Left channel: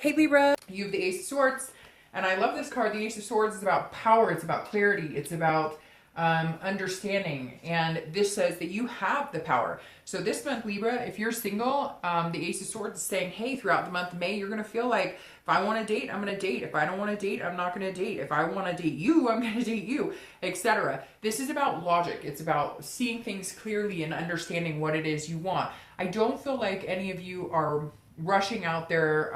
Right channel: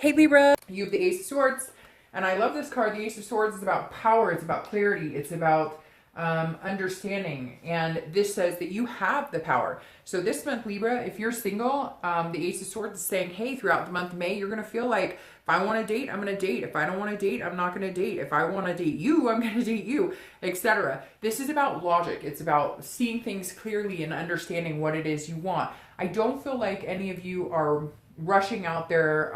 Hey Libra, you have the Ace of Swords, and I love this card. The Ace of Swords is about power, it's about clarity, it's about understanding, and this says that you have the power. So this month, Libra, if you're single, the Ace of Swords is saying, hey, throughout the month of May, you're going to feel like, if I want to date, I'm going to date. If I don't want to date, I'm not going to date. If I want to date you, I'm going to date you, etc. This is about logic. It's about seeing things clearly and understanding what it is you want. I don't feel like any of you are rushing out there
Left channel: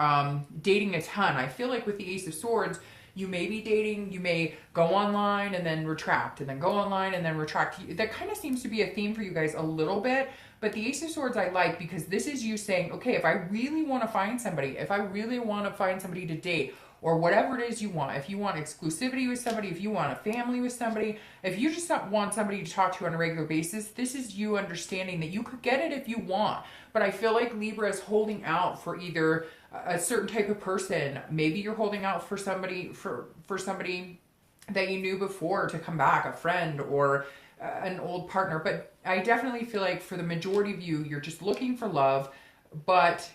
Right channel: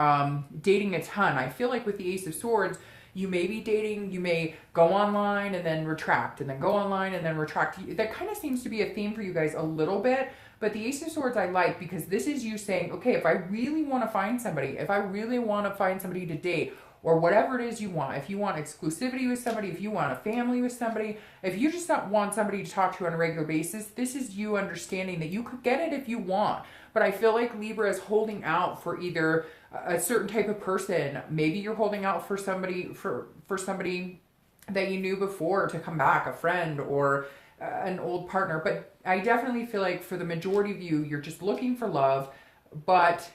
dating a ton. I feel like with the Ace of Swords, you may be dating, you may go online and then retract, and then go online and then retract. That kind of seems to be a theme for you guys a little bit. But the Ace of Swords I like because this is you saying, okay, if I really want to find somebody, if I really want to find somebody to date, or whatever it is you want, if you want exclusivity with somebody, if you want a family with somebody, if you just want somebody to talk to on a regular basis, this is you understanding that you could get it if you want. But I feel like Libra is holding out for either a certain type of person. Maybe you're holding out for somebody, for somebody that you knew before to come back, a friend or an old partner. But I definitely feel like for the majority of you, you're just looking for love, but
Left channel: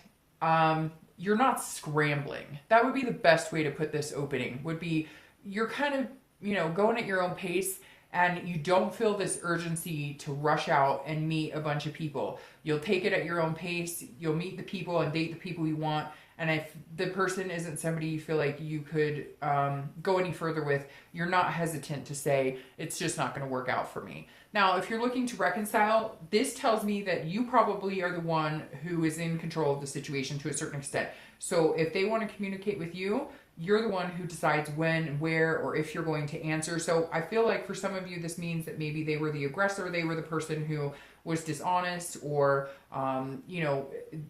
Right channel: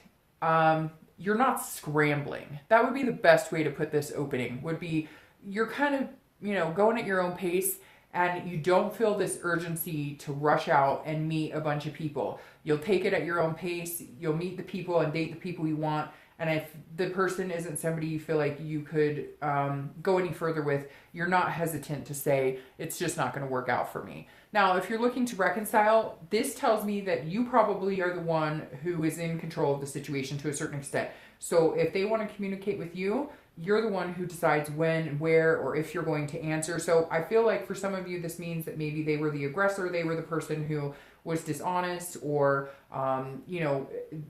you're not scrambling. That would be the best way to put this opening, would be you're kind of, you know, going at your own pace, and you don't feel this urgency to rush out and meet a bunch of people. You'll take it at your own pace. You'll meet the people and date the people you want. And if the person isn't somebody you feel like you could go any further with, you're not hesitant to say, it's just not going to work out for me. Now, if you're looking to reconcile, this tells me that you probably are the one who is in control of the situation to a certain extent. So if they want to communicate with you, you're the one who decides when, where, or if you're going to answer. So I feel like for some of you, this means that maybe they were the aggressor, they were the person who was dishonest, or, you know,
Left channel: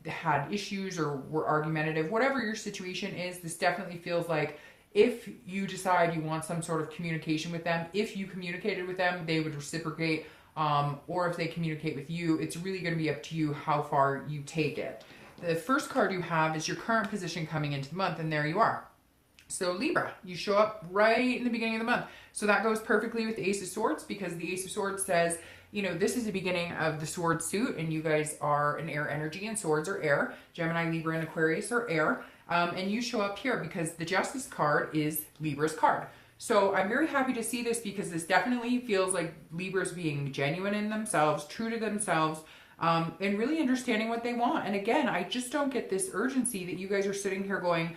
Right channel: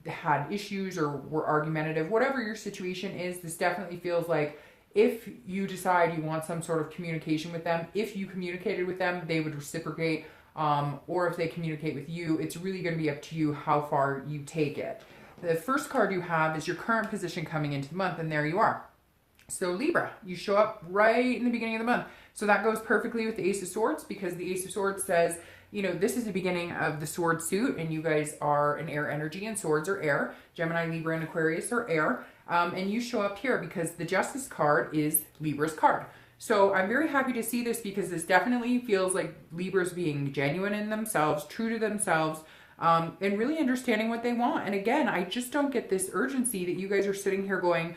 had issues or were argumentative. Whatever your situation is, this definitely feels like if you decide you want some sort of communication with them, if you communicated with them, they would reciprocate, or if they communicate with you, it's really going to be up to you how far you take it. The first card you have is your current position coming into the month, and there you are. So Libra, you show up right in the beginning of the month. So that goes perfectly with the Ace of Swords, because the Ace of Swords says, you know, this is the beginning of the sword suit, and you guys are an air energy, and swords are air. Gemini, Libra, and Aquarius are air. And you show up here because the Justice card is Libra's card. So I'm very happy to see this, because this definitely feels like Libra's being genuine in themselves, true to themselves, and really understanding what they want. And again, I just don't get this urgency that you guys are sitting here going,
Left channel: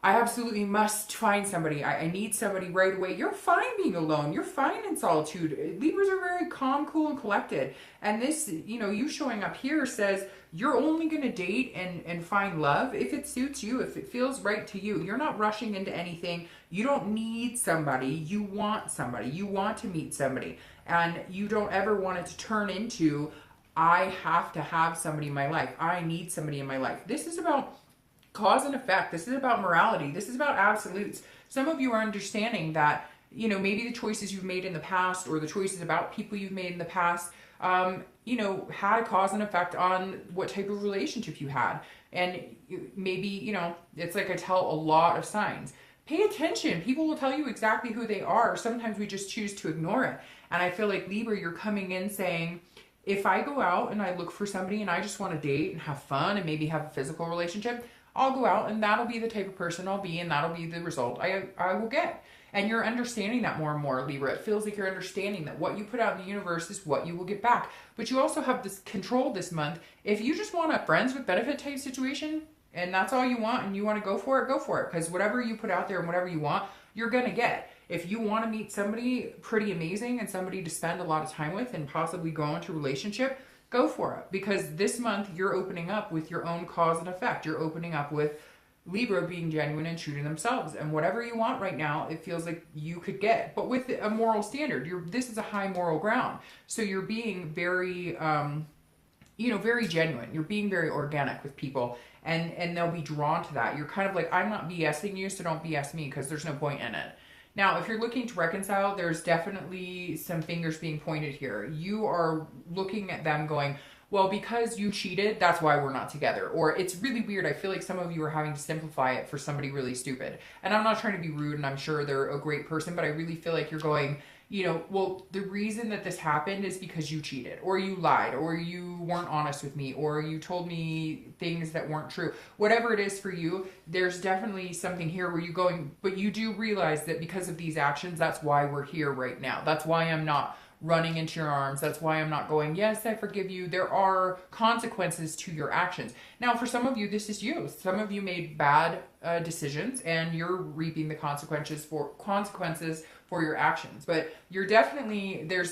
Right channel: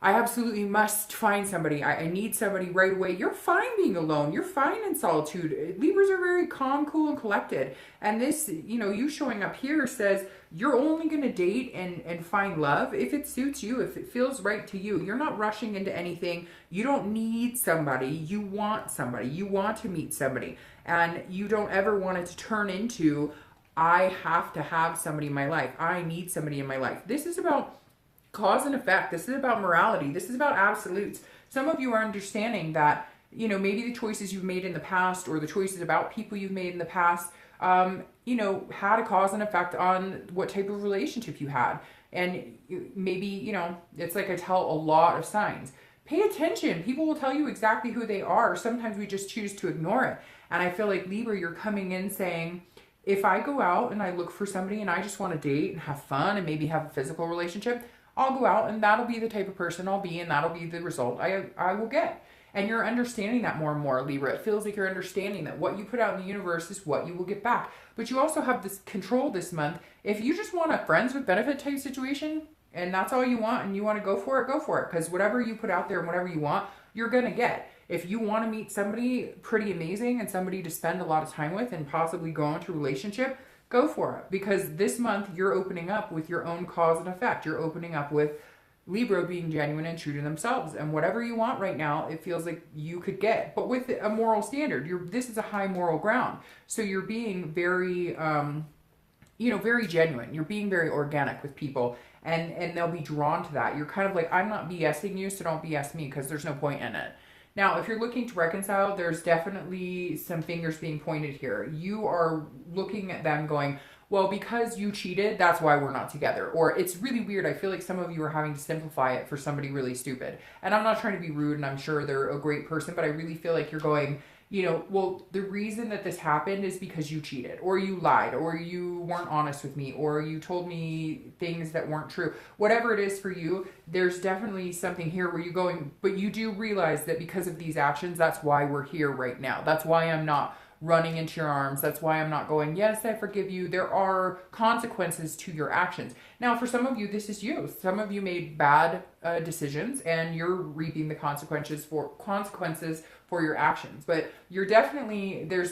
I absolutely must find somebody. I need somebody right away. You're fine being alone. You're fine in solitude. Libras are very calm, cool, and collected. And this, you know, you showing up here says you're only going to date and find love if it suits you, if it feels right to you. You're not rushing into anything. You don't need somebody. You want somebody. You want to meet somebody. And you don't ever want it to turn into, I have to have somebody in my life. I need somebody in my life. This is about cause and effect. This is about morality. This is about absolutes. Some of you are understanding that, you know, maybe the choices you've made in the past, or the choices about people you've made in the past, you know, had a cause and effect on what type of relationship you had. And maybe, you know, it's like I tell a lot of signs. Pay attention. People will tell you exactly who they are. Sometimes we just choose to ignore it. And I feel like Libra, you're coming in saying, if I go out and I look for somebody and I just want to date and have fun and maybe have a physical relationship, I'll go out and that'll be the type of person I'll be, and that'll be the result I will get. And you're understanding that more and more, Libra. It feels like you're understanding that what you put out in the universe is what you will get back. But you also have this control this month. If you just want a friends with benefit type situation, and that's all you want, and you want to go for it, go for it. Because whatever you put out there and whatever you want, you're going to get. If you want to meet somebody pretty amazing and somebody to spend a lot of time with and possibly go into a relationship, go for it, because this month you're opening up with your own cause and effect. You're opening up with Libra being genuine and true to themselves, and whatever you want right now, it feels like you could get, but with a moral standard. This is a high moral ground, so you're being very, you know, very genuine. You're being very organic with people, and they'll be drawn to that. You're kind of like, I'm not BSing you, so don't BS me, because there's no point in it. Now, if you're looking to reconcile, there's definitely some fingers being pointed here. You are looking at them going, well, because you cheated, that's why we're not together. Or it's really weird. I feel like some of you are having to simplify it for somebody really stupid. And I'm not trying to be rude, and I'm sure they're a great person, but I really feel like you're going, you know, well, the reason that this happened is because you cheated, or you lied, or you weren't honest with me, or you told me things that weren't true. Whatever it is for you, there's definitely something here where you're going, but you do realize that because of these actions, that's why we're here right now. That's why I'm not running into your arms. That's why I'm not going, yes, I forgive you. There are consequences to your actions. Now, for some of you, this is you. Some of you made bad decisions, and you're reaping the consequences for your actions. But there's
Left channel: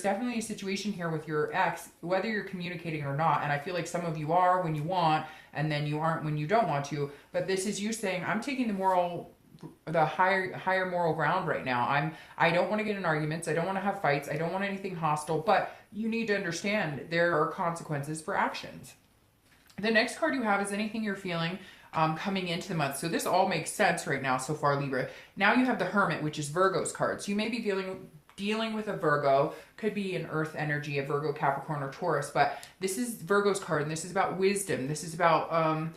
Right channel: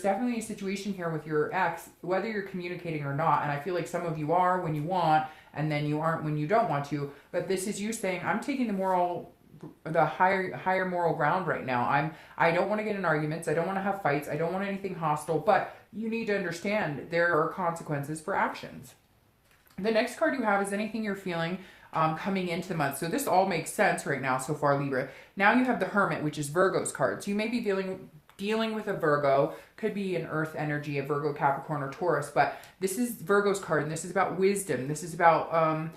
definitely a situation here with your ex, whether you're communicating or not. And I feel like some of you are when you want, and then you aren't when you don't want to. But this is you saying, I'm taking the higher moral ground right now. I don't want to get in arguments. I don't want to have fights. I don't want anything hostile. But you need to understand there are consequences for actions. The next card you have is anything you're feeling coming into the month. So this all makes sense right now so far, Libra. Now you have the Hermit, which is Virgo's card. So you may be dealing with a Virgo, could be an earth energy, a Virgo, Capricorn, or Taurus, but this is Virgo's card, and this is about wisdom. This is about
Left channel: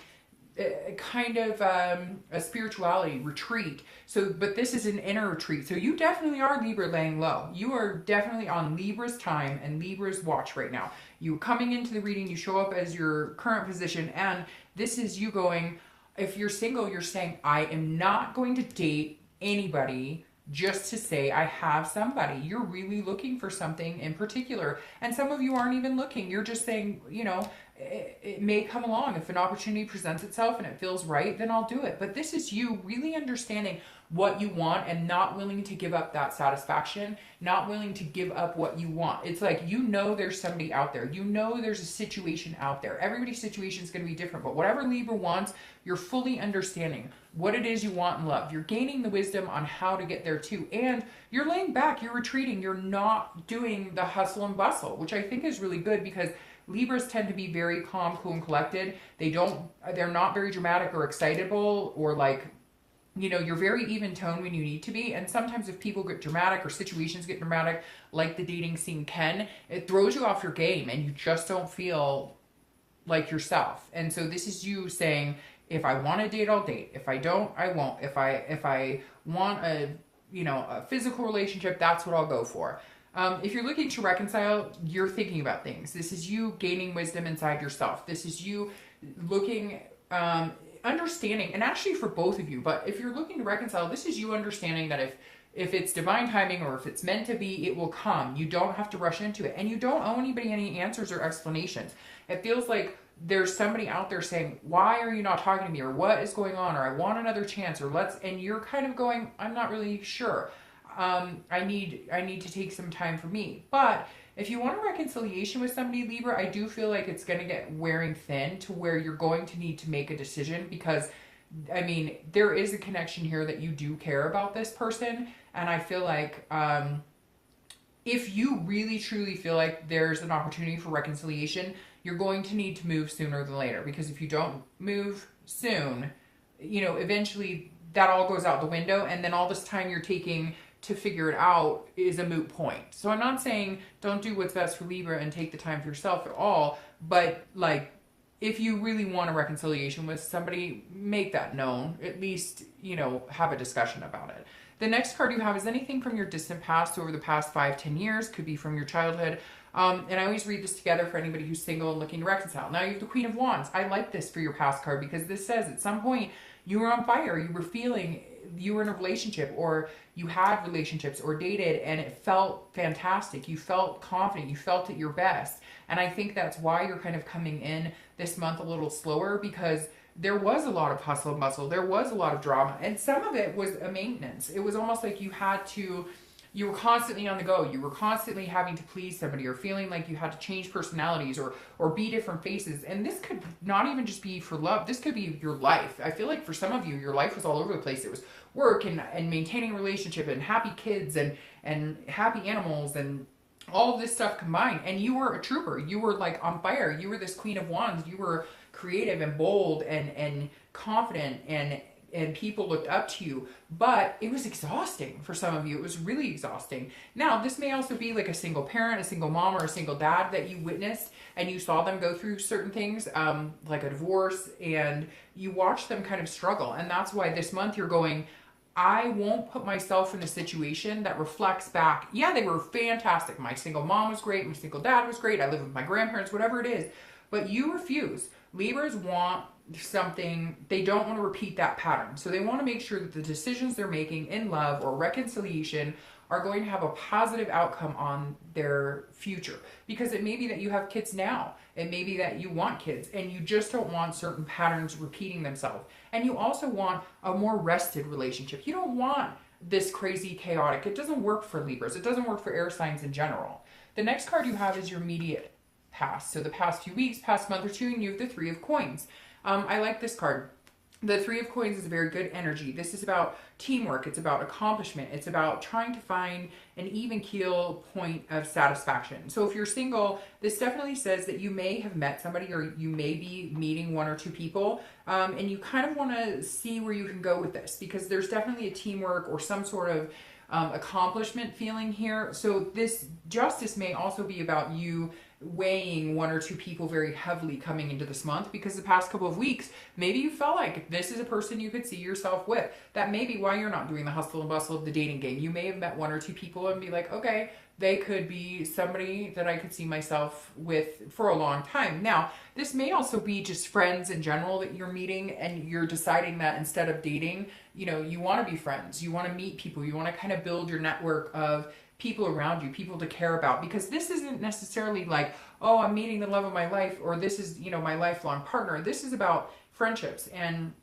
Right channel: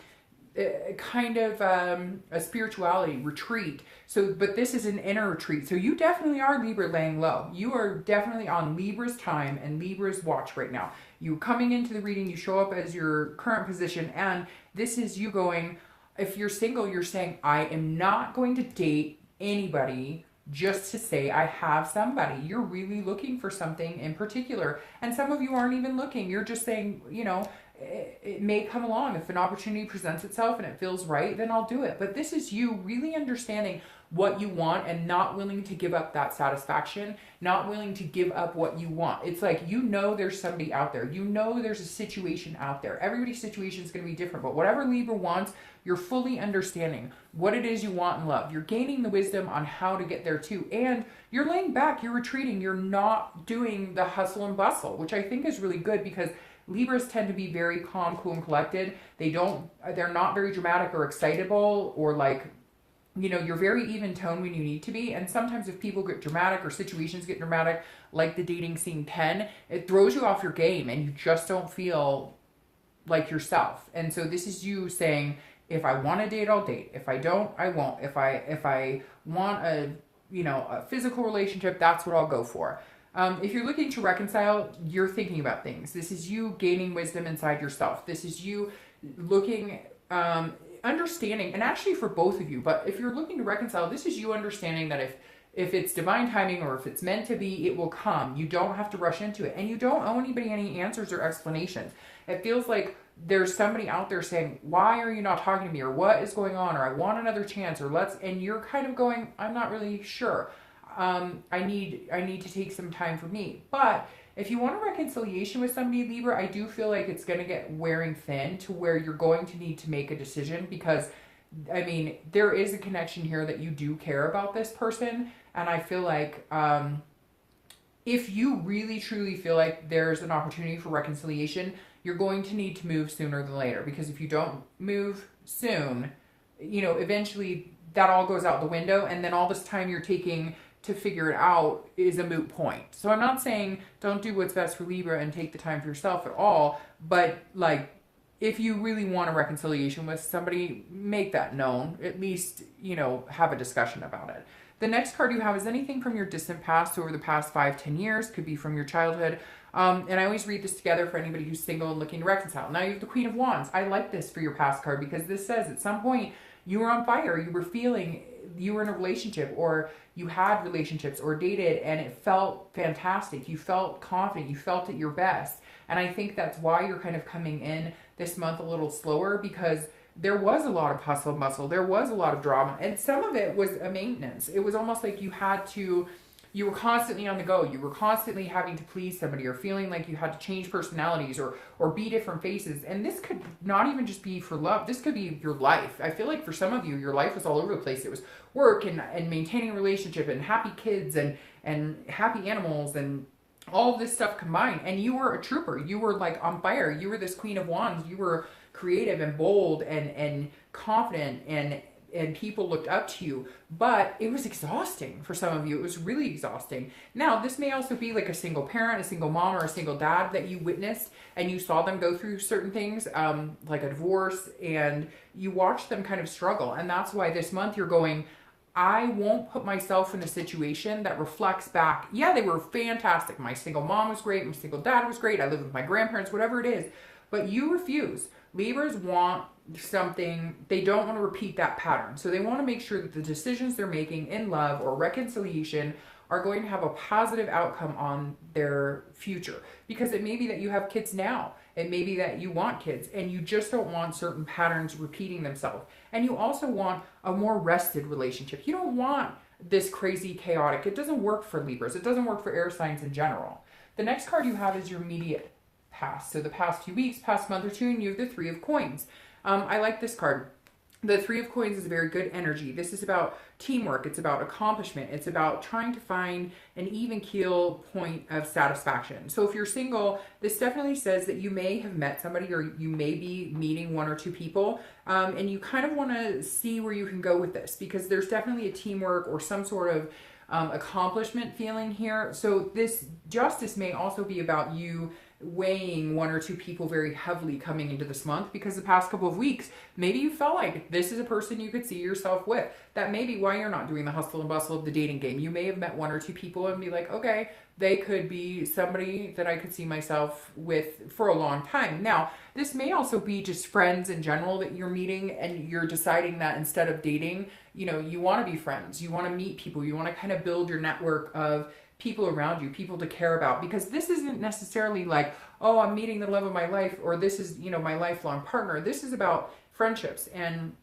a spirituality retreat. So, but this is an inner retreat. So you definitely are, Libra, laying low. You are definitely on Libra's time and Libra's watch right now. You coming into the reading, you show up as your current position, and this is you going, if you're single, you're saying, I am not going to date anybody just to say I have somebody. You're really looking for something in particular. And some of you aren't even looking. You're just saying, you know, it may come along. If an opportunity presents itself and it feels right, then I'll do it. But this is you really understanding what you want and not willing to give up that satisfaction, not willing to give up what you want. It's like, you know, there's somebody out there. You know, there's a situation out there. Everybody's situation is going to be different, but whatever Libra wants, you're fully understanding what it is you want in love. You're gaining the wisdom on how to get there too. And you're laying back, you're retreating. You're not doing the hustle and bustle, which I think is really good, because Libras tend to be very calm, cool, and collected. They're not very dramatic or excitable, or like, you know, you're very even tone when you need to be. And sometimes if people get dramatic or situations get dramatic, like the dating scene can, it throws you off your game and you just don't feel like yourself. And so this is you saying, if I want to date, I'll date. If I don't, I won't. If I want a physical relationship, that's what I'll go for. If you're looking to reconcile, you're thinking about things. This is you gaining wisdom inside yourself. This is you looking, understanding, and actually for both of you, but if you're looking to reconcile, this is you understanding that if it's divine timing or if it's meant to be, it will come. You don't have to rush into it, and you don't owe anybody any answers or explanations. It feels like there's somebody out there saying, why are you not talking to me, or what is going on, or I want another chance, or and you're kind of going, I'm not really sure. I need to take some time for me. But if you want a reconciliation with somebody, Libra, I do feel like it's going to get wearing thin to where you're going to need to make a decision, because, I mean, there is a connection here that you do care about this person. And I feel like if you really truly feel like there's an opportunity for reconciliation, you're going to need to move sooner than later, because if you don't move soon, you know, eventually that all goes out the window, and then all this time you're taking to figure it out is a moot point. So I'm not saying don't do what's best for Libra and take the time for yourself at all, but like, if you really want a reconciliation with somebody, make that known. At least, you know, have a discussion about it. The next card you have is anything from your distant past, over the past 5-10 years, could be from your childhood. And I always read this together for anybody who's single and looking to reconcile. Now you have the Queen of Wands. I like this for your past card, because this says at some point you were on fire, you were feeling, you were in a relationship, or you had relationships or dated, and it felt fantastic. You felt confident. You felt at your best. And I think that's why you're kind of coming in this month a little slower, because there was a lot of hustle and bustle. There was a lot of drama, and some of it was a maintenance. It was almost like you were constantly on the go. You were constantly having to please somebody, or feeling like you had to change personalities or be different faces. And this could not even just be for love. This could be your life. I feel like for some of you, your life was all over the place. It was work and maintaining a relationship and happy kids and happy animals and all of this stuff combined. And you were a trooper. You were like on fire. You were this Queen of Wands. You were creative and bold and confident, and people looked up to you. But it was exhausting for some of you. It was really exhausting. Now, this may also be like a single parent, a single mom, or a single dad that you witnessed, and you saw them go through certain things, like a divorce, and you watched them kind of struggle. And that's why this month you're going, I won't put myself in a situation that reflects back, yeah, they were fantastic. My single mom was great. My single dad was great. I live with my grandparents, whatever it is. But you refuse. Libras want something, they don't want to repeat that pattern. So they want to make sure that the decisions they're making in love or reconciliation are going to have a positive outcome on their future. Because it may be that you have kids now. It may be that you want kids and you just don't want certain patterns repeating themselves. And you also want a more rested relationship. You don't want this crazy chaotic. It doesn't work for Libras. It doesn't work for air signs in general. The next card you have is your immediate past. So the past few weeks, past month or two, and you have the Three of Coins. I like this card. The Three of Coins is a very good energy. This is about teamwork. It's about accomplishment. It's about trying to find an even keel point of satisfaction. So if you're single, this definitely says that you may have met somebody or you may be meeting one or two people, and you kind of want to see where you can go with this because there's definitely a teamwork or some sort of accomplishment feeling here. So this justice may also be about you weighing one or two people very heavily coming into this month because the past couple of weeks, maybe you felt like this is a person you could see yourself with. That may be why you're not doing the hustle and bustle of the dating game. You may have met one or two people and be like, okay, they could be somebody that I could see myself with for a long time. Now, this may also be just friends in general that you're meeting and you're deciding that instead of dating, you know, you want to be friends. You want to meet people. You want to kind of build your network of people around you, people to care about, because this isn't necessarily like, oh, I'm meeting the love of my life, or this is, you know, my lifelong partner. This is about friendships and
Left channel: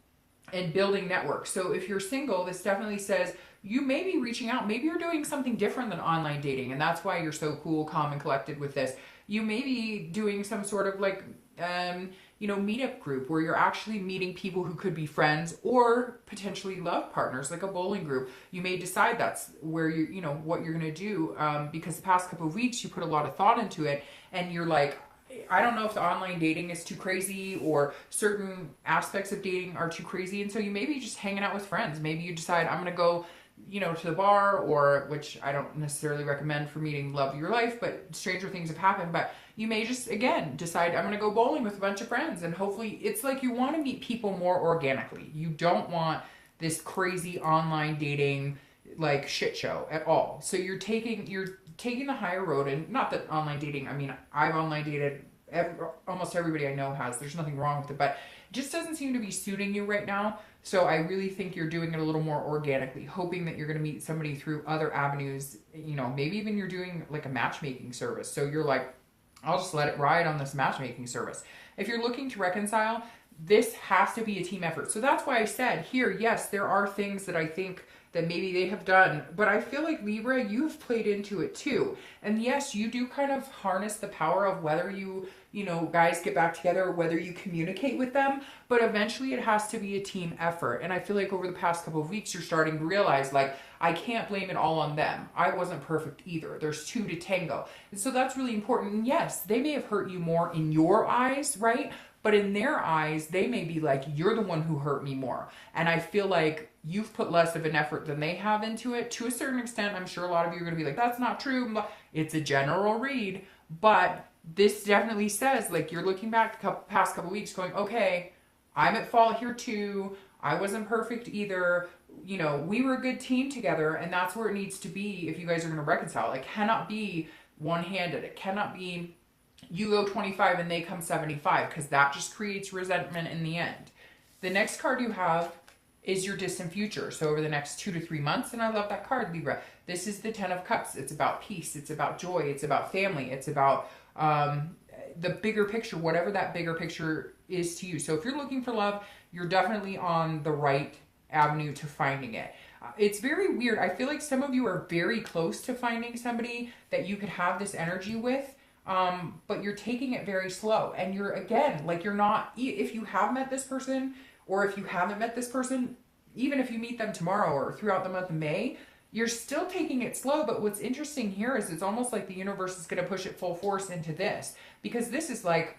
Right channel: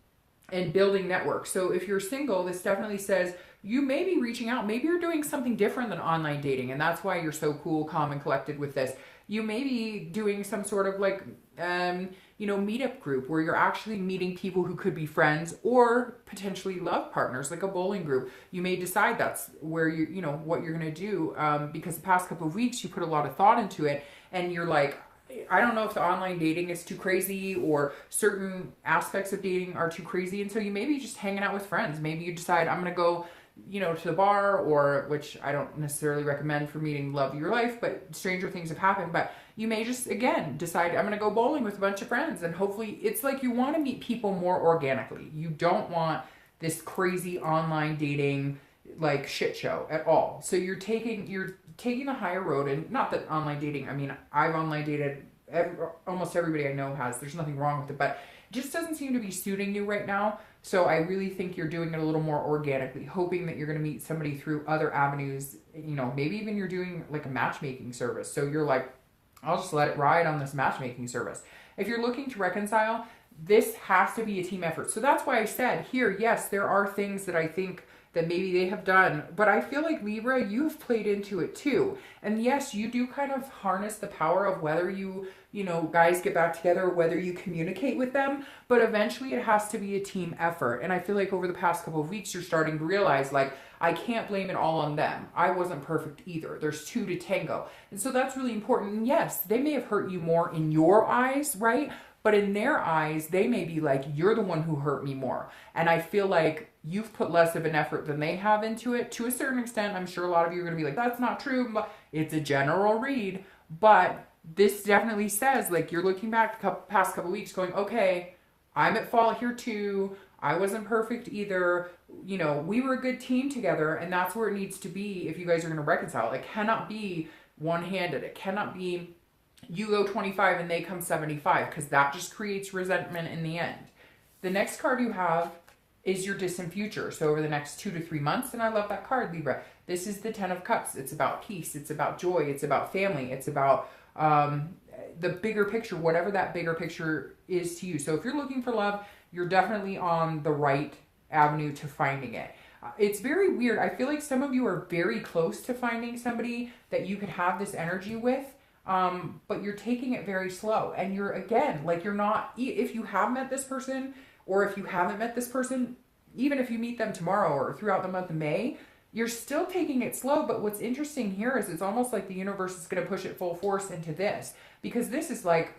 building networks. So if you're single, this definitely says you may be reaching out. Maybe you're doing something different than online dating, and that's why you're so cool, calm, and collected with this. You may be doing some sort of like, you know, meetup group where you're actually meeting people who could be friends or potentially love partners, like a bowling group. You may decide that's where you know, what you're going to do, because the past couple of weeks you put a lot of thought into it and you're like, I don't know if the online dating is too crazy or certain aspects of dating are too crazy. And so you may be just hanging out with friends. Maybe you decide I'm going to go, you know, to the bar, or which I don't necessarily recommend for meeting love of your life, but stranger things have happened. But you may just, again, decide I'm going to go bowling with a bunch of friends, and hopefully it's like you want to meet people more organically. You don't want this crazy online dating like shit show at all. So you're taking the higher road, and not that online dating, I mean, I've online dated, almost everybody I know has, there's nothing wrong with it, but it just doesn't seem to be suiting you right now. So I really think you're doing it a little more organically, hoping that you're going to meet somebody through other avenues. You know, maybe even you're doing like a matchmaking service. So you're like, I'll just let it ride on this matchmaking service. If you're looking to reconcile, this has to be a team effort. So that's why I said here, yes, there are things that I think that maybe they have done, but I feel like Libra, you've played into it too. And yes, you do kind of harness the power of whether you know, guys get back together, whether you communicate with them, but eventually it has to be a team effort. And I feel like over the past couple of weeks, you're starting to realize, like, I can't blame it all on them. I wasn't perfect either. There's two to tango. And so that's really important. And yes, they may have hurt you more in your eyes, right? But in their eyes, they may be like, you're the one who hurt me more. And I feel like you've put less of an effort than they have into it. To a certain extent, I'm sure a lot of you are going to be like, that's not true. It's a general read. But this definitely says, like, you're looking back the past couple weeks going, okay, I'm at fault here too. I wasn't perfect either. You know, we were a good team together, and that's where it needs to be if you guys are going to reconcile. It cannot be one-handed. It cannot be you go 25 and they come 75, because that just creates resentment in the end. The next card you have is your distant future. So over the next 2 to 3 months, and I love that card, Libra. This is the 10 of Cups. It's about peace. It's about joy. It's about family. It's about the bigger picture, whatever that bigger picture is to you. So if you're looking for love, you're definitely on the right avenue to finding it. It's very weird. I feel like some of you are very close to finding somebody that you could have this energy with, but you're taking it very slow. And you're, again, like, you're not, if you have met this person, or if you haven't met this person, even if you meet them tomorrow or throughout the month of May, you're still taking it slow. But what's interesting here is it's almost like the universe is going to push it full force into this, because this is like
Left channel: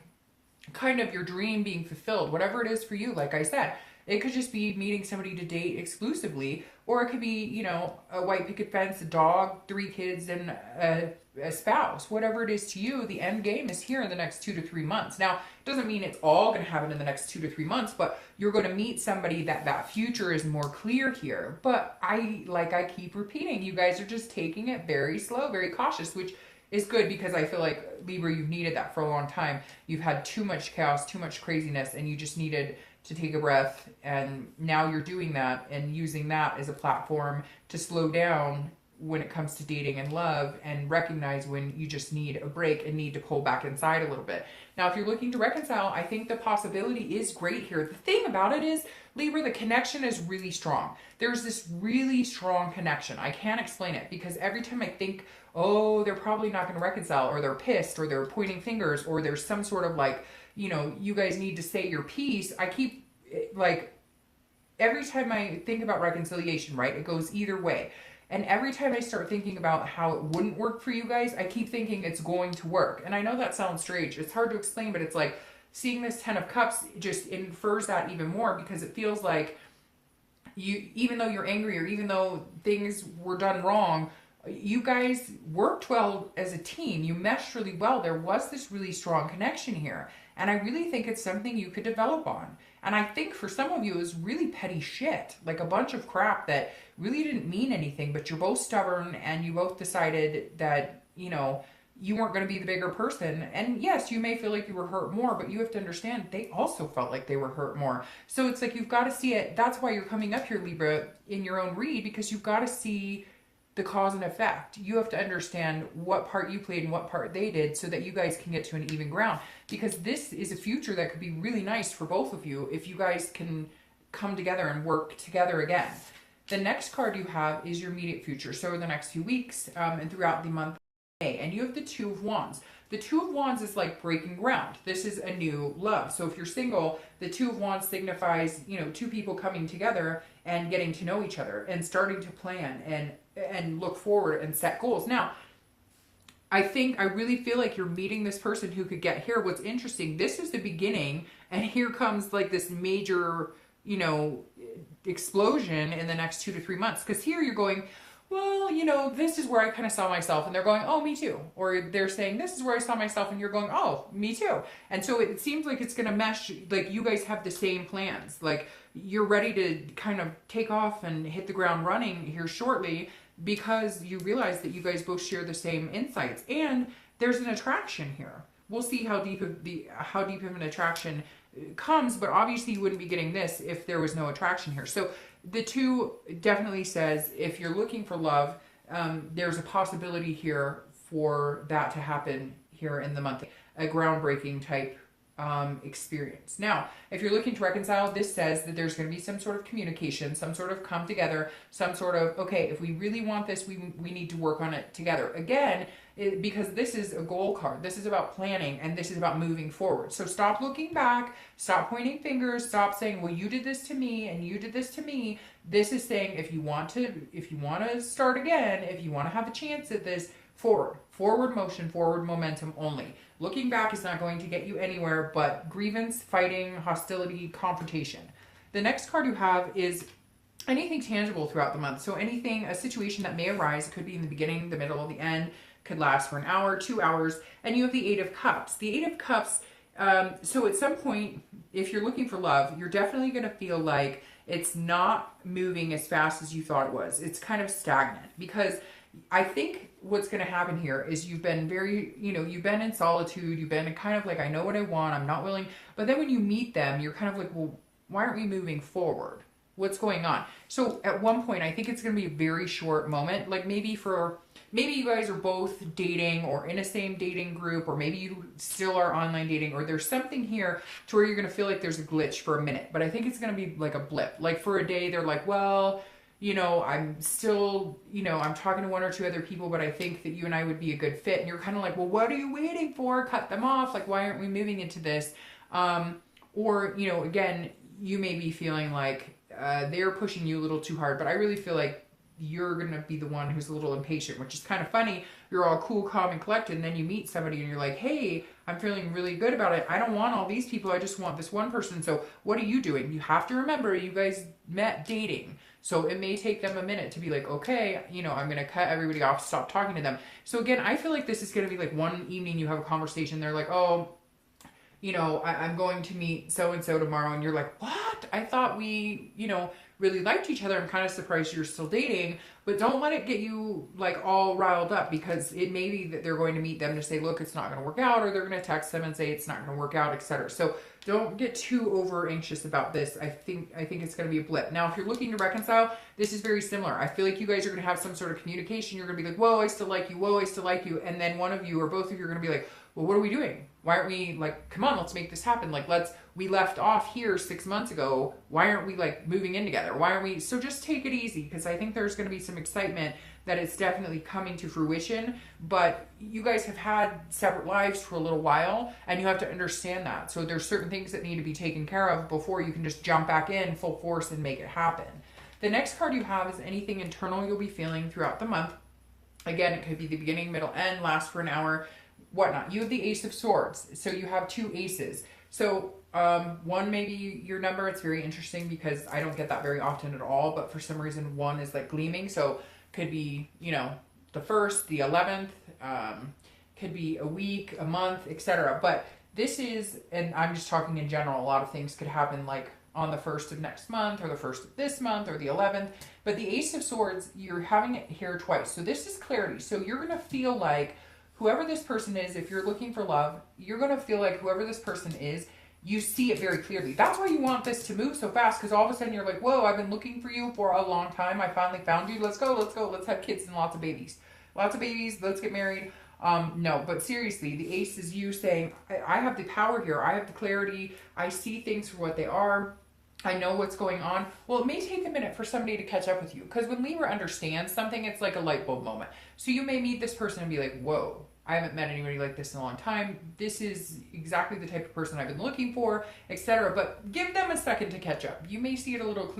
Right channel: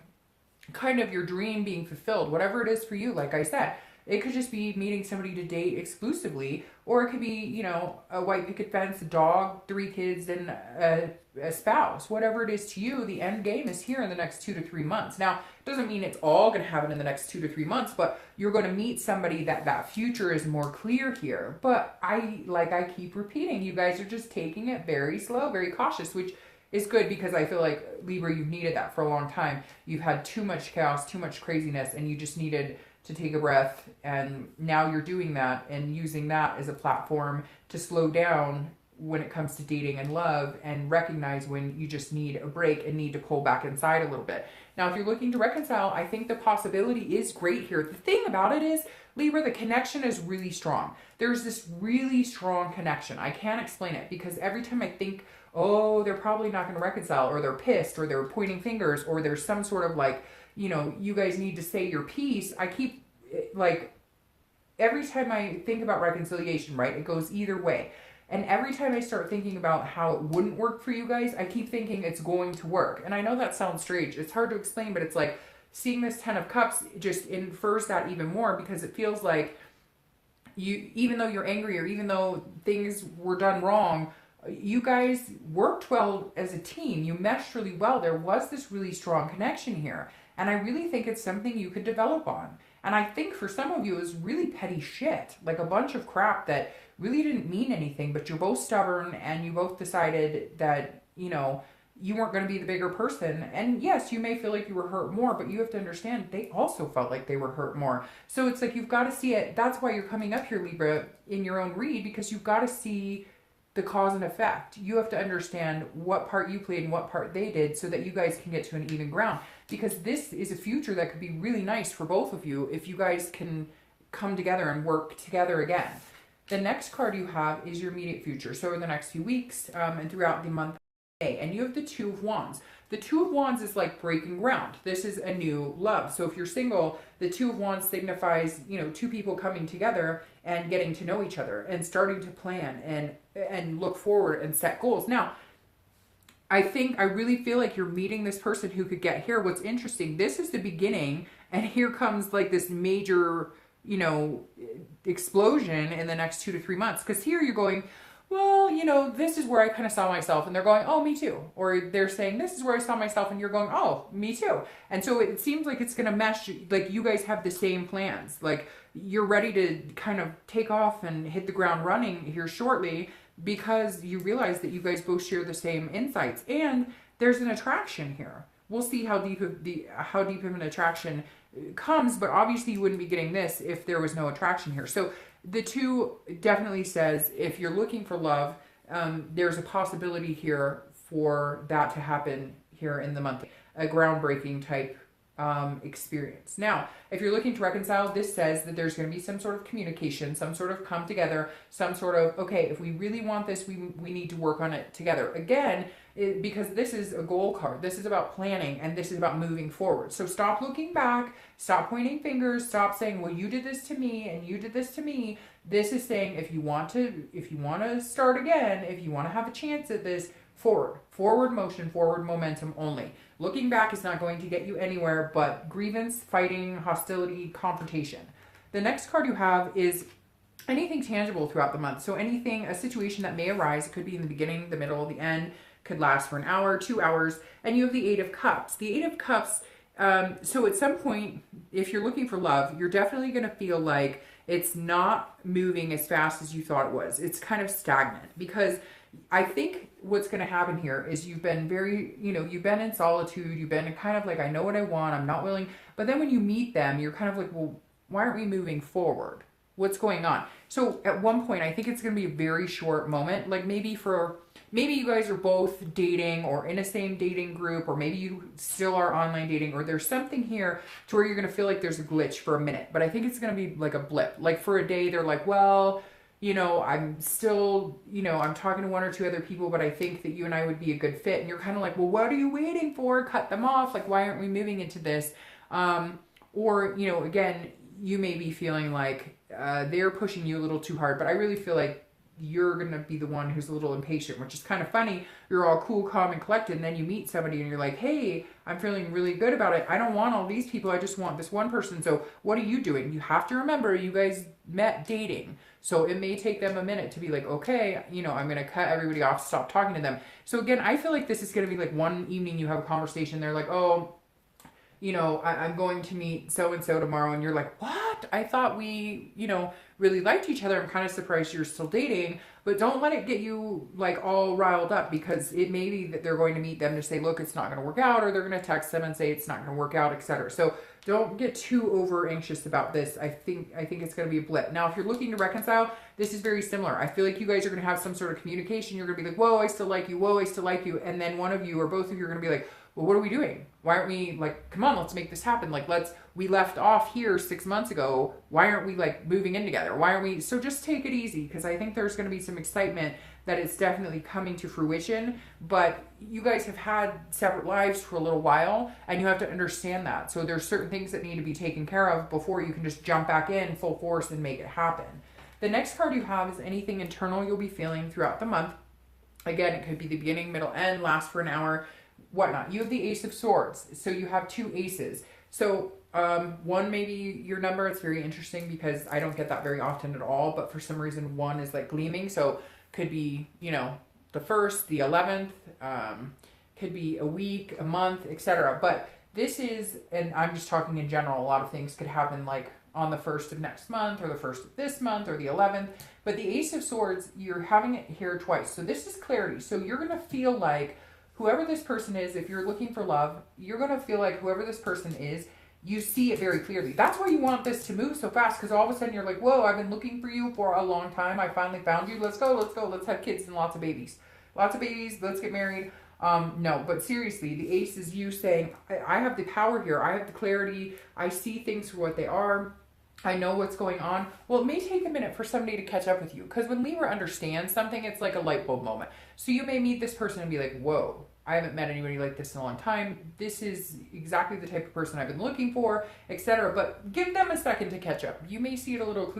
kind of your dream being fulfilled, whatever it is for you. Like I said, It could just be meeting somebody to date exclusively, or it could be, you know, a white picket fence, a dog, 3 kids, and a spouse. Whatever it is to you, the end game is here in the next 2 to 3 months. Now, it doesn't mean it's all going to happen in the next 2 to 3 months, but you're going to meet somebody that future is more clear here. But I keep repeating, you guys are just taking it very slow, very cautious, which is good, because I feel like, Libra, you've needed that for a long time. You've had too much chaos, too much craziness, and you just needed to take a breath. And now you're doing that and using that as a platform to slow down when it comes to dating and love, and recognize when you just need a break and need to pull back inside a little bit. Now, if you're looking to reconcile, I think the possibility is great here. The thing about it is, Libra, the connection is really strong. There's this really strong connection. I can't explain it, because every time I think, oh, they're probably not going to reconcile, or they're pissed, or they're pointing fingers, or there's some sort of like, you know, you guys need to say your piece, I keep, like, every time I think about reconciliation, right, it goes either way. And every time I start thinking about how it wouldn't work for you guys, I keep thinking it's going to work. And I know that sounds strange. It's hard to explain, but it's like seeing this 10 of Cups just infers that even more, because it feels like you, even though you're angry, or even though things were done wrong, you guys worked well as a team. You meshed really well. There was this really strong connection here. And I really think it's something you could develop on. And I think for some of you, it was really petty shit, like a bunch of crap that really didn't mean anything, but you're both stubborn, and you both decided that, you know, you weren't going to be the bigger person. And yes, you may feel like you were hurt more, but you have to understand they also felt like they were hurt more. So it's like, you've got to see it. That's why you're coming up here, Libra, in your own read, because you've got to see the cause and effect. You have to understand what part you played and what part they did, so that you guys can get to an even ground. Because this is a future that could be really nice for both of you if you guys can come together and work together again. The next card you have is your immediate future. So in the next few weeks, and throughout the month of May. And you have the 2 of Wands. The 2 of Wands is like breaking ground. This is a new love. So if you're single, the 2 of Wands signifies, you know, 2 people coming together and getting to know each other and starting to plan and look forward and set goals. Now, I really feel like you're meeting this person who could get here. What's interesting, this is the beginning, and here comes like this major, you know, explosion in the next 2 to 3 months. Because here you're going, well, you know, this is where I kind of saw myself, and they're going, oh, me too. Or they're saying, this is where I saw myself, and you're going, oh, me too. And so it seems like it's going to mesh, like you guys have the same plans. Like you're ready to kind of take off and hit the ground running here shortly, because you realize that you guys both share the same insights, and there's an attraction here. We'll see how deep of an attraction comes, but obviously you wouldn't be getting this if there was no attraction here. So the 2 definitely says, if you're looking for love, there's a possibility here for that to happen here in the month. A groundbreaking type experience. Now, if you're looking to reconcile, this says that there's going to be some sort of communication, some sort of come together, some sort of, okay, if we really want this, we need to work on it together. Again, because this is a goal card. This is about planning, and this is about moving forward. So stop looking back, stop pointing fingers, stop saying, well, you did this to me and you did this to me. This is saying, if you want to start again, if you want to have a chance at this, forward motion, forward momentum only. Looking back is not going to get you anywhere but grievance, fighting, hostility, confrontation. The next card you have is anything tangible throughout the month. So anything, a situation that may arise, it could be in the beginning, the middle, the end, could last for an hour, 2 hours, and you have the 8 of Cups. The 8 of Cups, so at some point, if you're looking for love, you're definitely going to feel like it's not moving as fast as you thought it was. It's kind of stagnant, because I think what's going to happen here is you've been very, you know, you've been in solitude. You've been kind of like, I know what I want. I'm not willing. But then when you meet them, you're kind of like, well, why aren't we moving forward? What's going on? So at one point, I think it's going to be a very short moment. Like maybe you guys are both dating or in a same dating group, or maybe you still are online dating, or there's something here to where you're going to feel like there's a glitch for a minute. But I think it's going to be like a blip. Like for a day, they're like, well, you know, I'm still, you know, I'm talking to 1 or 2 other people, but I think that you and I would be a good fit. And you're kind of like, well, what are you waiting for? Cut them off. Like, why aren't we moving into this? Or, you know, again, you may be feeling like they're pushing you a little too hard, but I really feel like you're going to be the one who's a little impatient, which is kind of funny. You're all cool, calm, and collected, and then you meet somebody and you're like, hey, I'm feeling really good about it. I don't want all these people. I just want this one person. So what are you doing? You have to remember, you guys met dating. So it may take them a minute to be like, okay, you know, I'm going to cut everybody off, stop talking to them. So again, I feel like this is going to be like one evening you have a conversation. They're like, oh, you know, I'm going to meet so-and-so tomorrow. And you're like, what? I thought we, you know, really liked each other. I'm kind of surprised you're still dating. But don't let it get you like all riled up, because it may be that they're going to meet them to say, look, it's not going to work out, or they're going to text them and say it's not going to work out, etc. So don't get too over anxious about this. I think it's going to be a blip. Now, if you're looking to reconcile, this is very similar. I feel like you guys are going to have some sort of communication. You're going to be like, whoa, I still like you. Whoa, I still like you. And then one of you or both of you are going to be like, well, what are we doing? Why aren't we like, come on, let's make this happen. Like, we left off here 6 months ago. Why aren't we like moving in together? Why aren't we? So just take it easy, because I think there's going to be some excitement that it's definitely coming to fruition. But you guys have had separate lives for a little while, and you have to understand that. So there's certain things that need to be taken care of before you can just jump back in full force and make it happen. The next card you have is anything internal you'll be feeling throughout the month. Again, it could be the beginning, middle, end, last for an hour, whatnot. You have the Ace of Swords. So you have two aces. So one may be your number. It's very interesting because I don't get that very often at all, but for some reason one is like gleaming. So could be, you know, the 1st, the 11th, could be a week, a month, etc. But this is, and I'm just talking in general, a lot of things could happen like on the 1st of next month, or the 1st of this month, or the 11th. But the Ace of Swords, you're having it here twice. So this is clarity. So you're going to feel like whoever this person is, if you're looking for love, you're going to feel like whoever this person is, you see it very clearly. That's why you want this to move so fast, because all of a sudden you're like, whoa, I've been looking for you for a long time. I finally found you. Let's go, let's go. Let's have kids and lots of babies. Lots of babies. Let's get married. No, but seriously, the Ace is you saying, I have the power here. I have the clarity. I see things for what they are. I know what's going on. Well, it may take a minute for somebody to catch up with you, because when Libra understands something, it's like a light bulb moment. So you may meet this person and be like, whoa, I haven't met anybody like this in a long time. This is exactly the type of person I've been looking for, etc. But give them a second to catch up. You may see it a little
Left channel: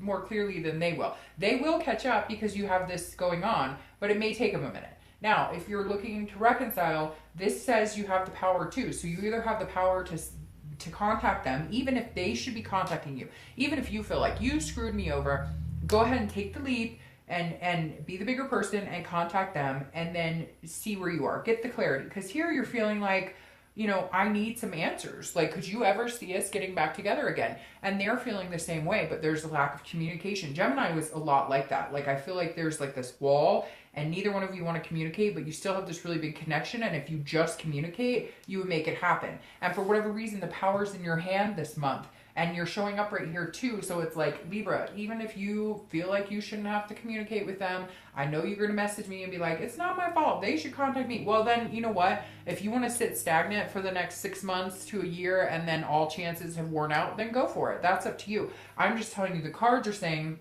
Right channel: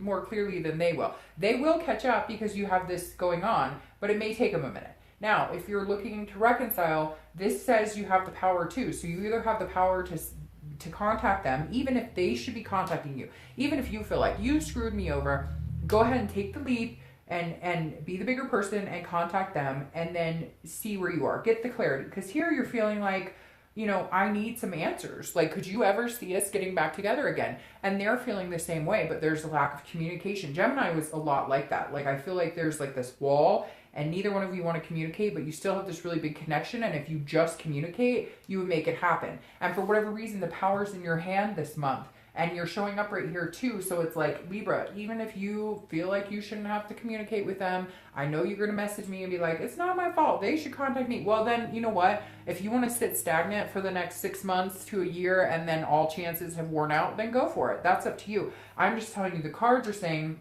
more clearly than they will. They will catch up because you have this going on, but it may take them a minute. Now, if you're looking to reconcile, this says you have the power too. So you either have the power to contact them, even if they should be contacting you. Even if you feel like you screwed me over, go ahead and take the leap and be the bigger person and contact them, and then see where you are. Get the clarity. Because here you're feeling like, you know, I need some answers. Like, could you ever see us getting back together again? And they're feeling the same way, but there's a lack of communication. Gemini was a lot like that. Like, I feel like there's like this wall, and neither one of you want to communicate, but you still have this really big connection. And if you just communicate, you would make it happen. And for whatever reason, the power's in your hand this month. And you're showing up right here too. So it's like, Libra, even if you feel like you shouldn't have to communicate with them, I know you're going to message me and be like, it's not my fault. They should contact me. Well, then, you know what? If you want to sit stagnant for the next 6 months to a year and then all chances have worn out, then go for it. That's up to you. I'm just telling you, the cards are saying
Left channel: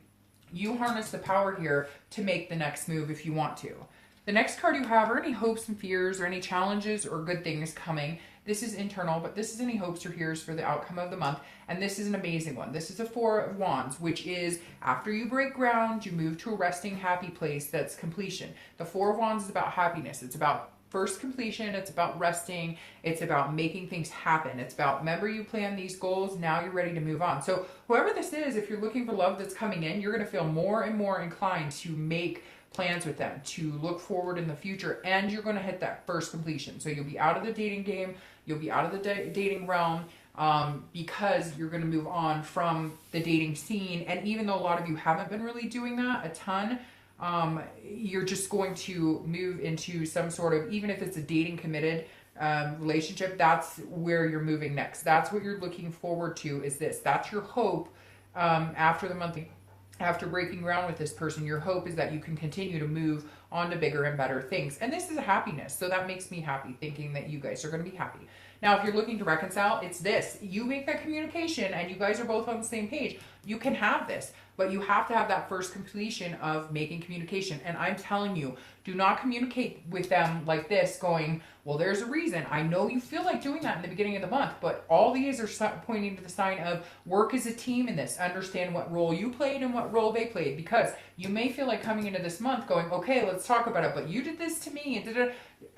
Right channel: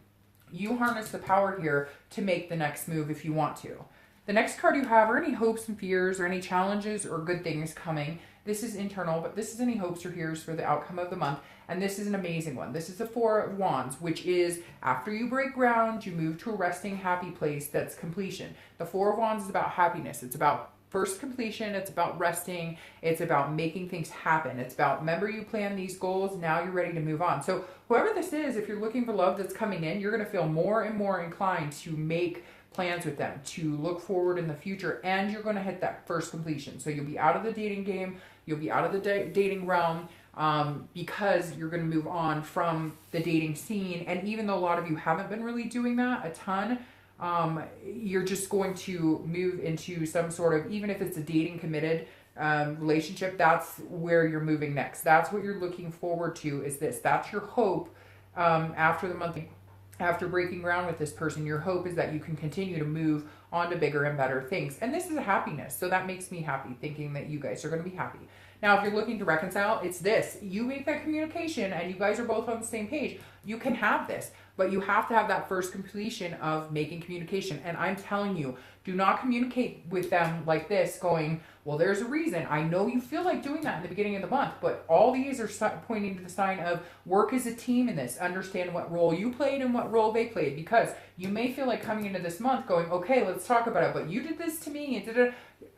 you harness the power here to make the next move if you want to. The next card you have are any hopes and fears or any challenges or good things coming. This is internal, but this is any hopes or fears for the outcome of the month. And this is an amazing one. This is the Four of Wands, which is after you break ground, you move to a resting, happy place. That's completion. The Four of Wands is about happiness. It's about first completion. It's about resting. It's about making things happen. It's about, remember, you plan these goals. Now you're ready to move on. So whoever this is, if you're looking for love that's coming in, you're going to feel more and more inclined to make plans with them, to look forward in the future, and you're going to hit that first completion. So you'll be out of the dating game. You'll be out of the dating realm. Because you're going to move on from the dating scene. And even though a lot of you haven't been really doing that a ton, you're just going to move into some sort of, even if it's a dating committed relationship, that's where you're moving next. That's what you're looking forward to, is this. That's your hope after the month. After breaking ground with this person, your hope is that you can continue to move on to bigger and better things. And this is a happiness. So that makes me happy, thinking that you guys are going to be happy. Now, if you're looking to reconcile, it's this. You make that communication and you guys are both on the same page. You can have this. but you have to have that first completion of making communication. And I'm telling you, do not communicate with them like this going, well, there's a reason. I know you feel like doing that in the beginning of the month, but all these are pointing to the sign of work as a team in this. Understand what role you played and what role they played, because you may feel like coming into this month going, okay, let's talk about it, but you did this to me. And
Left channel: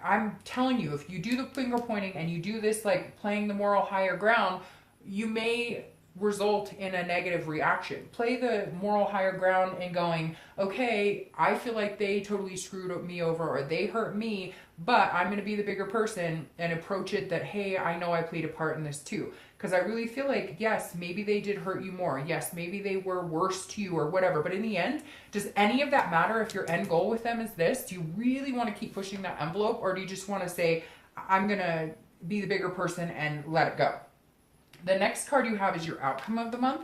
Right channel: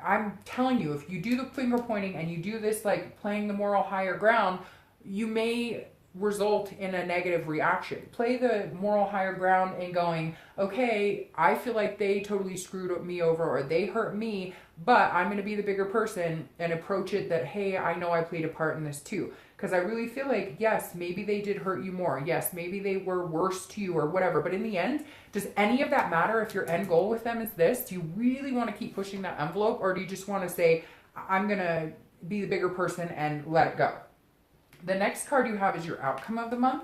I'm telling you, if you do the finger pointing and you do this, like playing the moral higher ground, you may result in a negative reaction. Play the moral higher ground and going, okay, I feel like they totally screwed me over or they hurt me, but I'm going to be the bigger person and approach it that, hey, I know I played a part in this too. Because I really feel like, yes, maybe they did hurt you more. Yes, maybe they were worse to you or whatever. But in the end, does any of that matter if your end goal with them is this? Do you really want to keep pushing that envelope, or do you just want to say, I'm going to be the bigger person and let it go? The next card you have is your outcome of the month,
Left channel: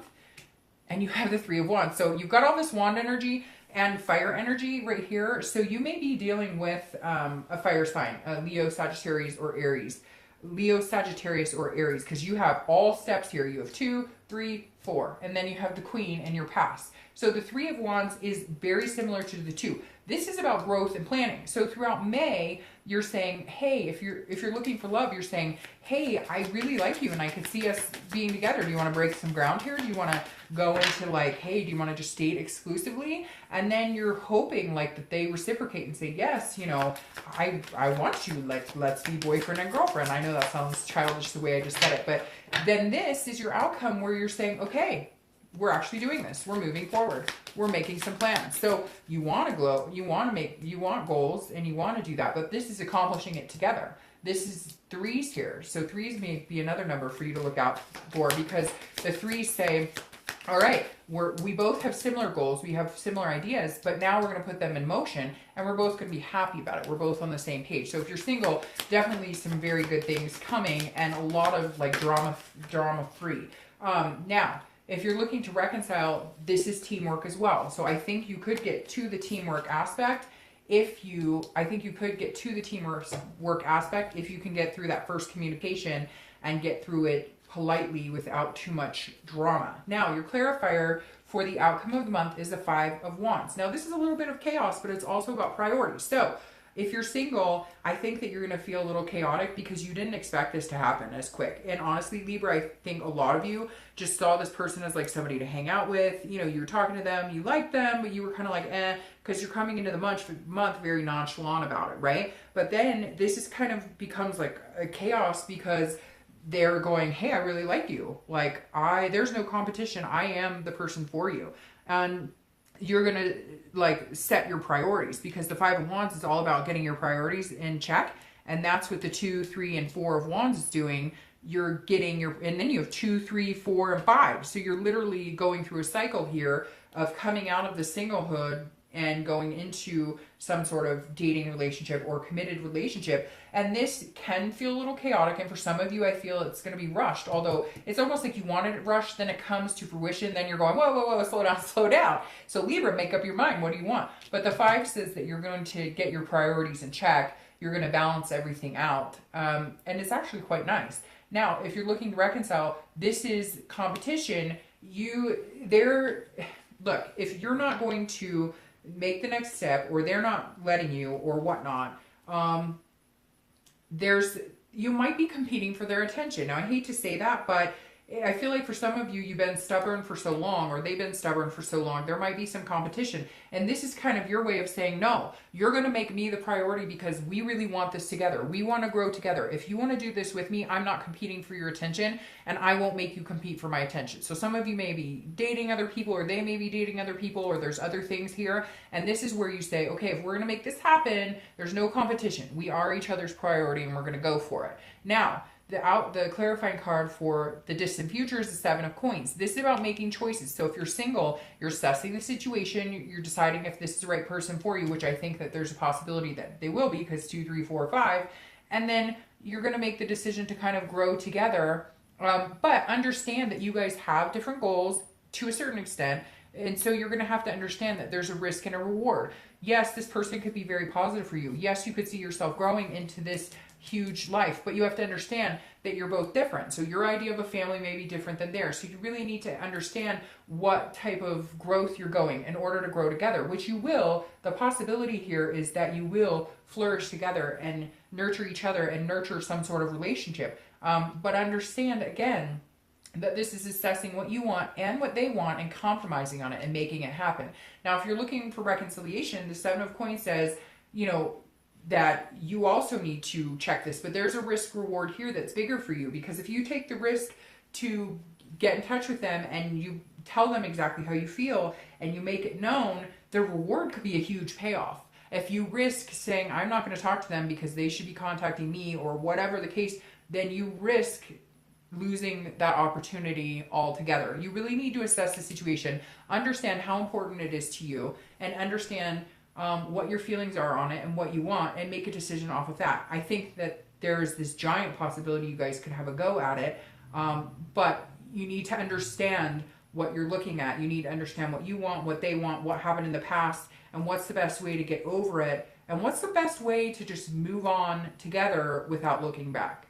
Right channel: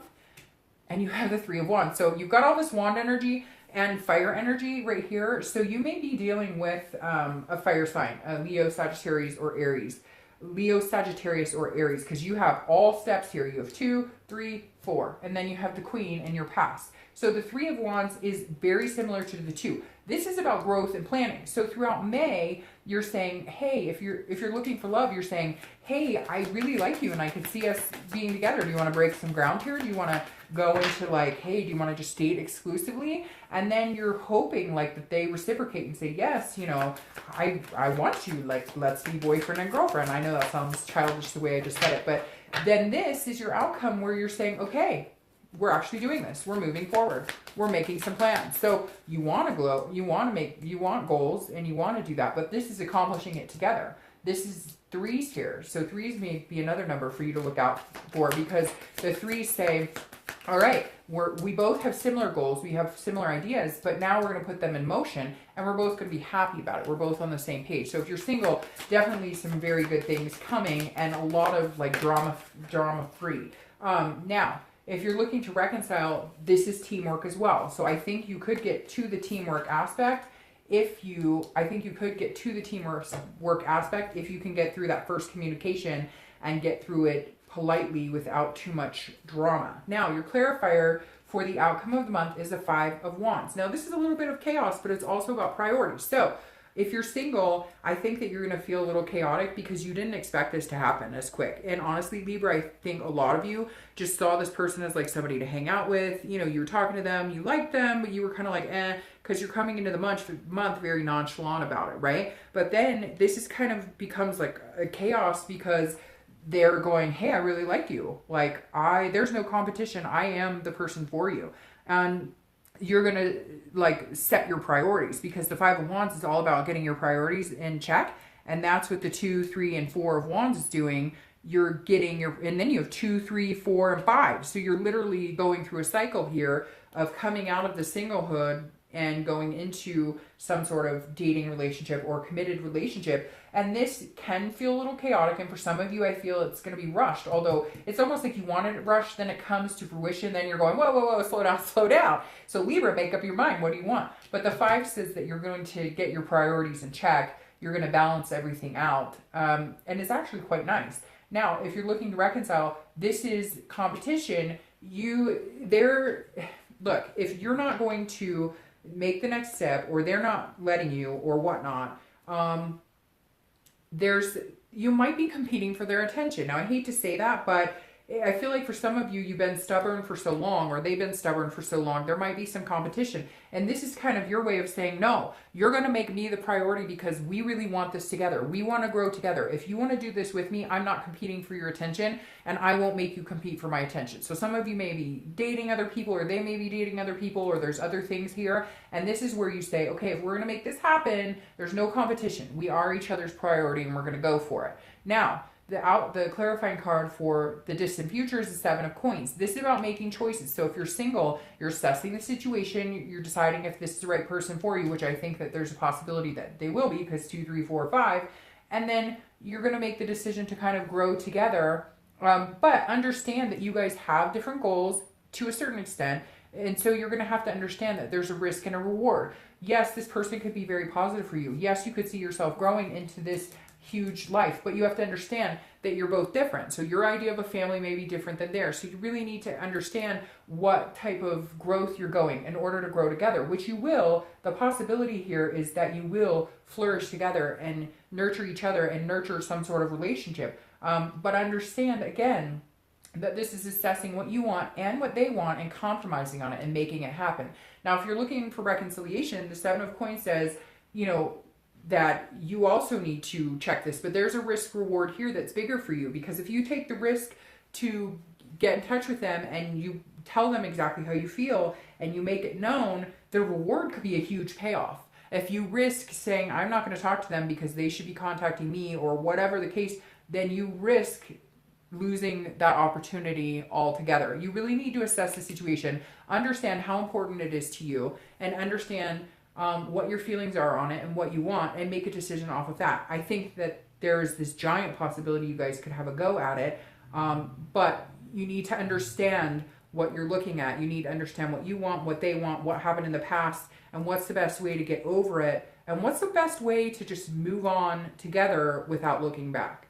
and you have the Three of Wands. So you've got all this wand energy and fire energy right here. So you may be dealing with a fire sign, a Leo, Sagittarius, or Aries. Leo, Sagittarius, or Aries, because you have all steps here. You have 2, 3, 4, and then you have the Queen in your past. So the Three of Wands is very similar to the 2. This is about growth and planning. So throughout May, you're saying, hey, if you're looking for love, you're saying, hey, I really like you and I could see us being together. Do you want to break some ground here? Do you want to go into like, hey, do you want to just date exclusively? And then you're hoping like that they reciprocate and say, yes, you know, I want you, like, let's be boyfriend and girlfriend. I know that sounds childish the way I just said it, but then this is your outcome where you're saying, okay, we're actually doing this. We're moving forward. We're making some plans. So you want to glow, you want goals, and you want to do that, but this is accomplishing it together. This is 3s here. So 3s may be another number for you to look out for, because the 3s say, all right, we both have similar goals. We have similar ideas, but now we're going to put them in motion and we're both going to be happy about it. We're both on the same page. So if you're single, definitely some very good things coming and a lot of like drama free. Now, if you're looking to reconcile, this is teamwork as well. So I think you could get to the teamwork aspect if you can get through that first communication and get through it politely without too much drama. Now, your clarifier for the outcome of the month is the Five of Wands. Now, this is a little bit of chaos, but it's also about priorities. So if you're single, I think that you're going to feel a little chaotic because you didn't expect this to happen as quick. And honestly, Libra, I think a lot of you just saw this person as like somebody to hang out with. You know, you were talking to them, you liked them, but you were kind of like, because you're coming into the month very nonchalant about it, right? But then this is kind of becomes like a chaos because they're going, hey, I really like you. Like, there's no competition. I am the person for you. You're going to like set your priorities, because the Five of Wands is all about getting your priorities in check. And that's what the 2, 3, and 4 of Wands is doing. You're getting and then you have 2, 3, 4, and 5. So you're literally going through a cycle here of coming out of the singlehood and going into some sort of dating relationship or committed relationship. And this can feel a little chaotic. And for some of you, I feel it's going to be rushed. Although it's almost like you wanted it rushed, then it comes to fruition. Then you're going, whoa, whoa, whoa, slow down, slow down. So Libra, make up your mind. What do you want? But the 5 says that you're going to get your priorities in check. You're going to balance everything out. And it's actually quite nice. Now, if you're looking to reconcile, this is competition. Look, if you're not going to make the next step, or they're not letting you, or whatnot, you might be competing for their attention. Now, I hate to say that, but I feel like for some of you, you've been stubborn for so long, or they've been stubborn for so long, there might be some competition. And this is kind of your way of saying, no, you're going to make me the priority because we really want this together. We want to grow together. If you want to do this with me, I'm not competing for your attention, and I won't make you compete for my attention. So some of you may be dating other people, or they may be dating other people, or there's other things here. And this is where you say, okay, if we're going to make this happen, there's no competition. We are each other's priority, and we're going to go for it. Now, the clarifying card for the distant future is the 7 of Coins. This is about making choices. So if you're single, you're assessing the situation, you're deciding if this is the right person for you, which I think that there's a possibility that they will be, because 2, 3, 4, 5. And then you're going to make the decision to kind of grow together. But understand that you guys have different goals to a certain extent. And so you're going to have to understand that there's a risk and a reward. Yes, this person could be very positive for you. Yes, you could see yourself growing into this huge life, but you have to understand that you're both different. So your idea of a family may be different than theirs. So you really need to understand what type of growth you're going in order to grow together, which you will. The possibility here is that you will flourish together and nurture each other and nurture some sort of relationship. But understand, again, that this is assessing what you want and what they want and compromising on it and making it happen. Now, if you're looking for reconciliation, the Seven of Coins says, you know, that you also need to check this, but there's a risk reward here that's bigger for you, because if you take the risk to get in touch with them and you tell them exactly how you feel and you make it known, the reward could be a huge payoff. If you risk saying, I'm not going to talk to them because they should be contacting me or whatever the case, then you risk losing that opportunity altogether. You really need to assess the situation, understand how important it is to you, and understand what your feelings are on it and what you want, and make a decision off of that. I think that there's this giant possibility you guys could have a go at it, but you need to understand what you're looking at. You need to understand what you want, what they want, what happened in the past, and what's the best way to get over it, and what's the best way to just move on together without looking back.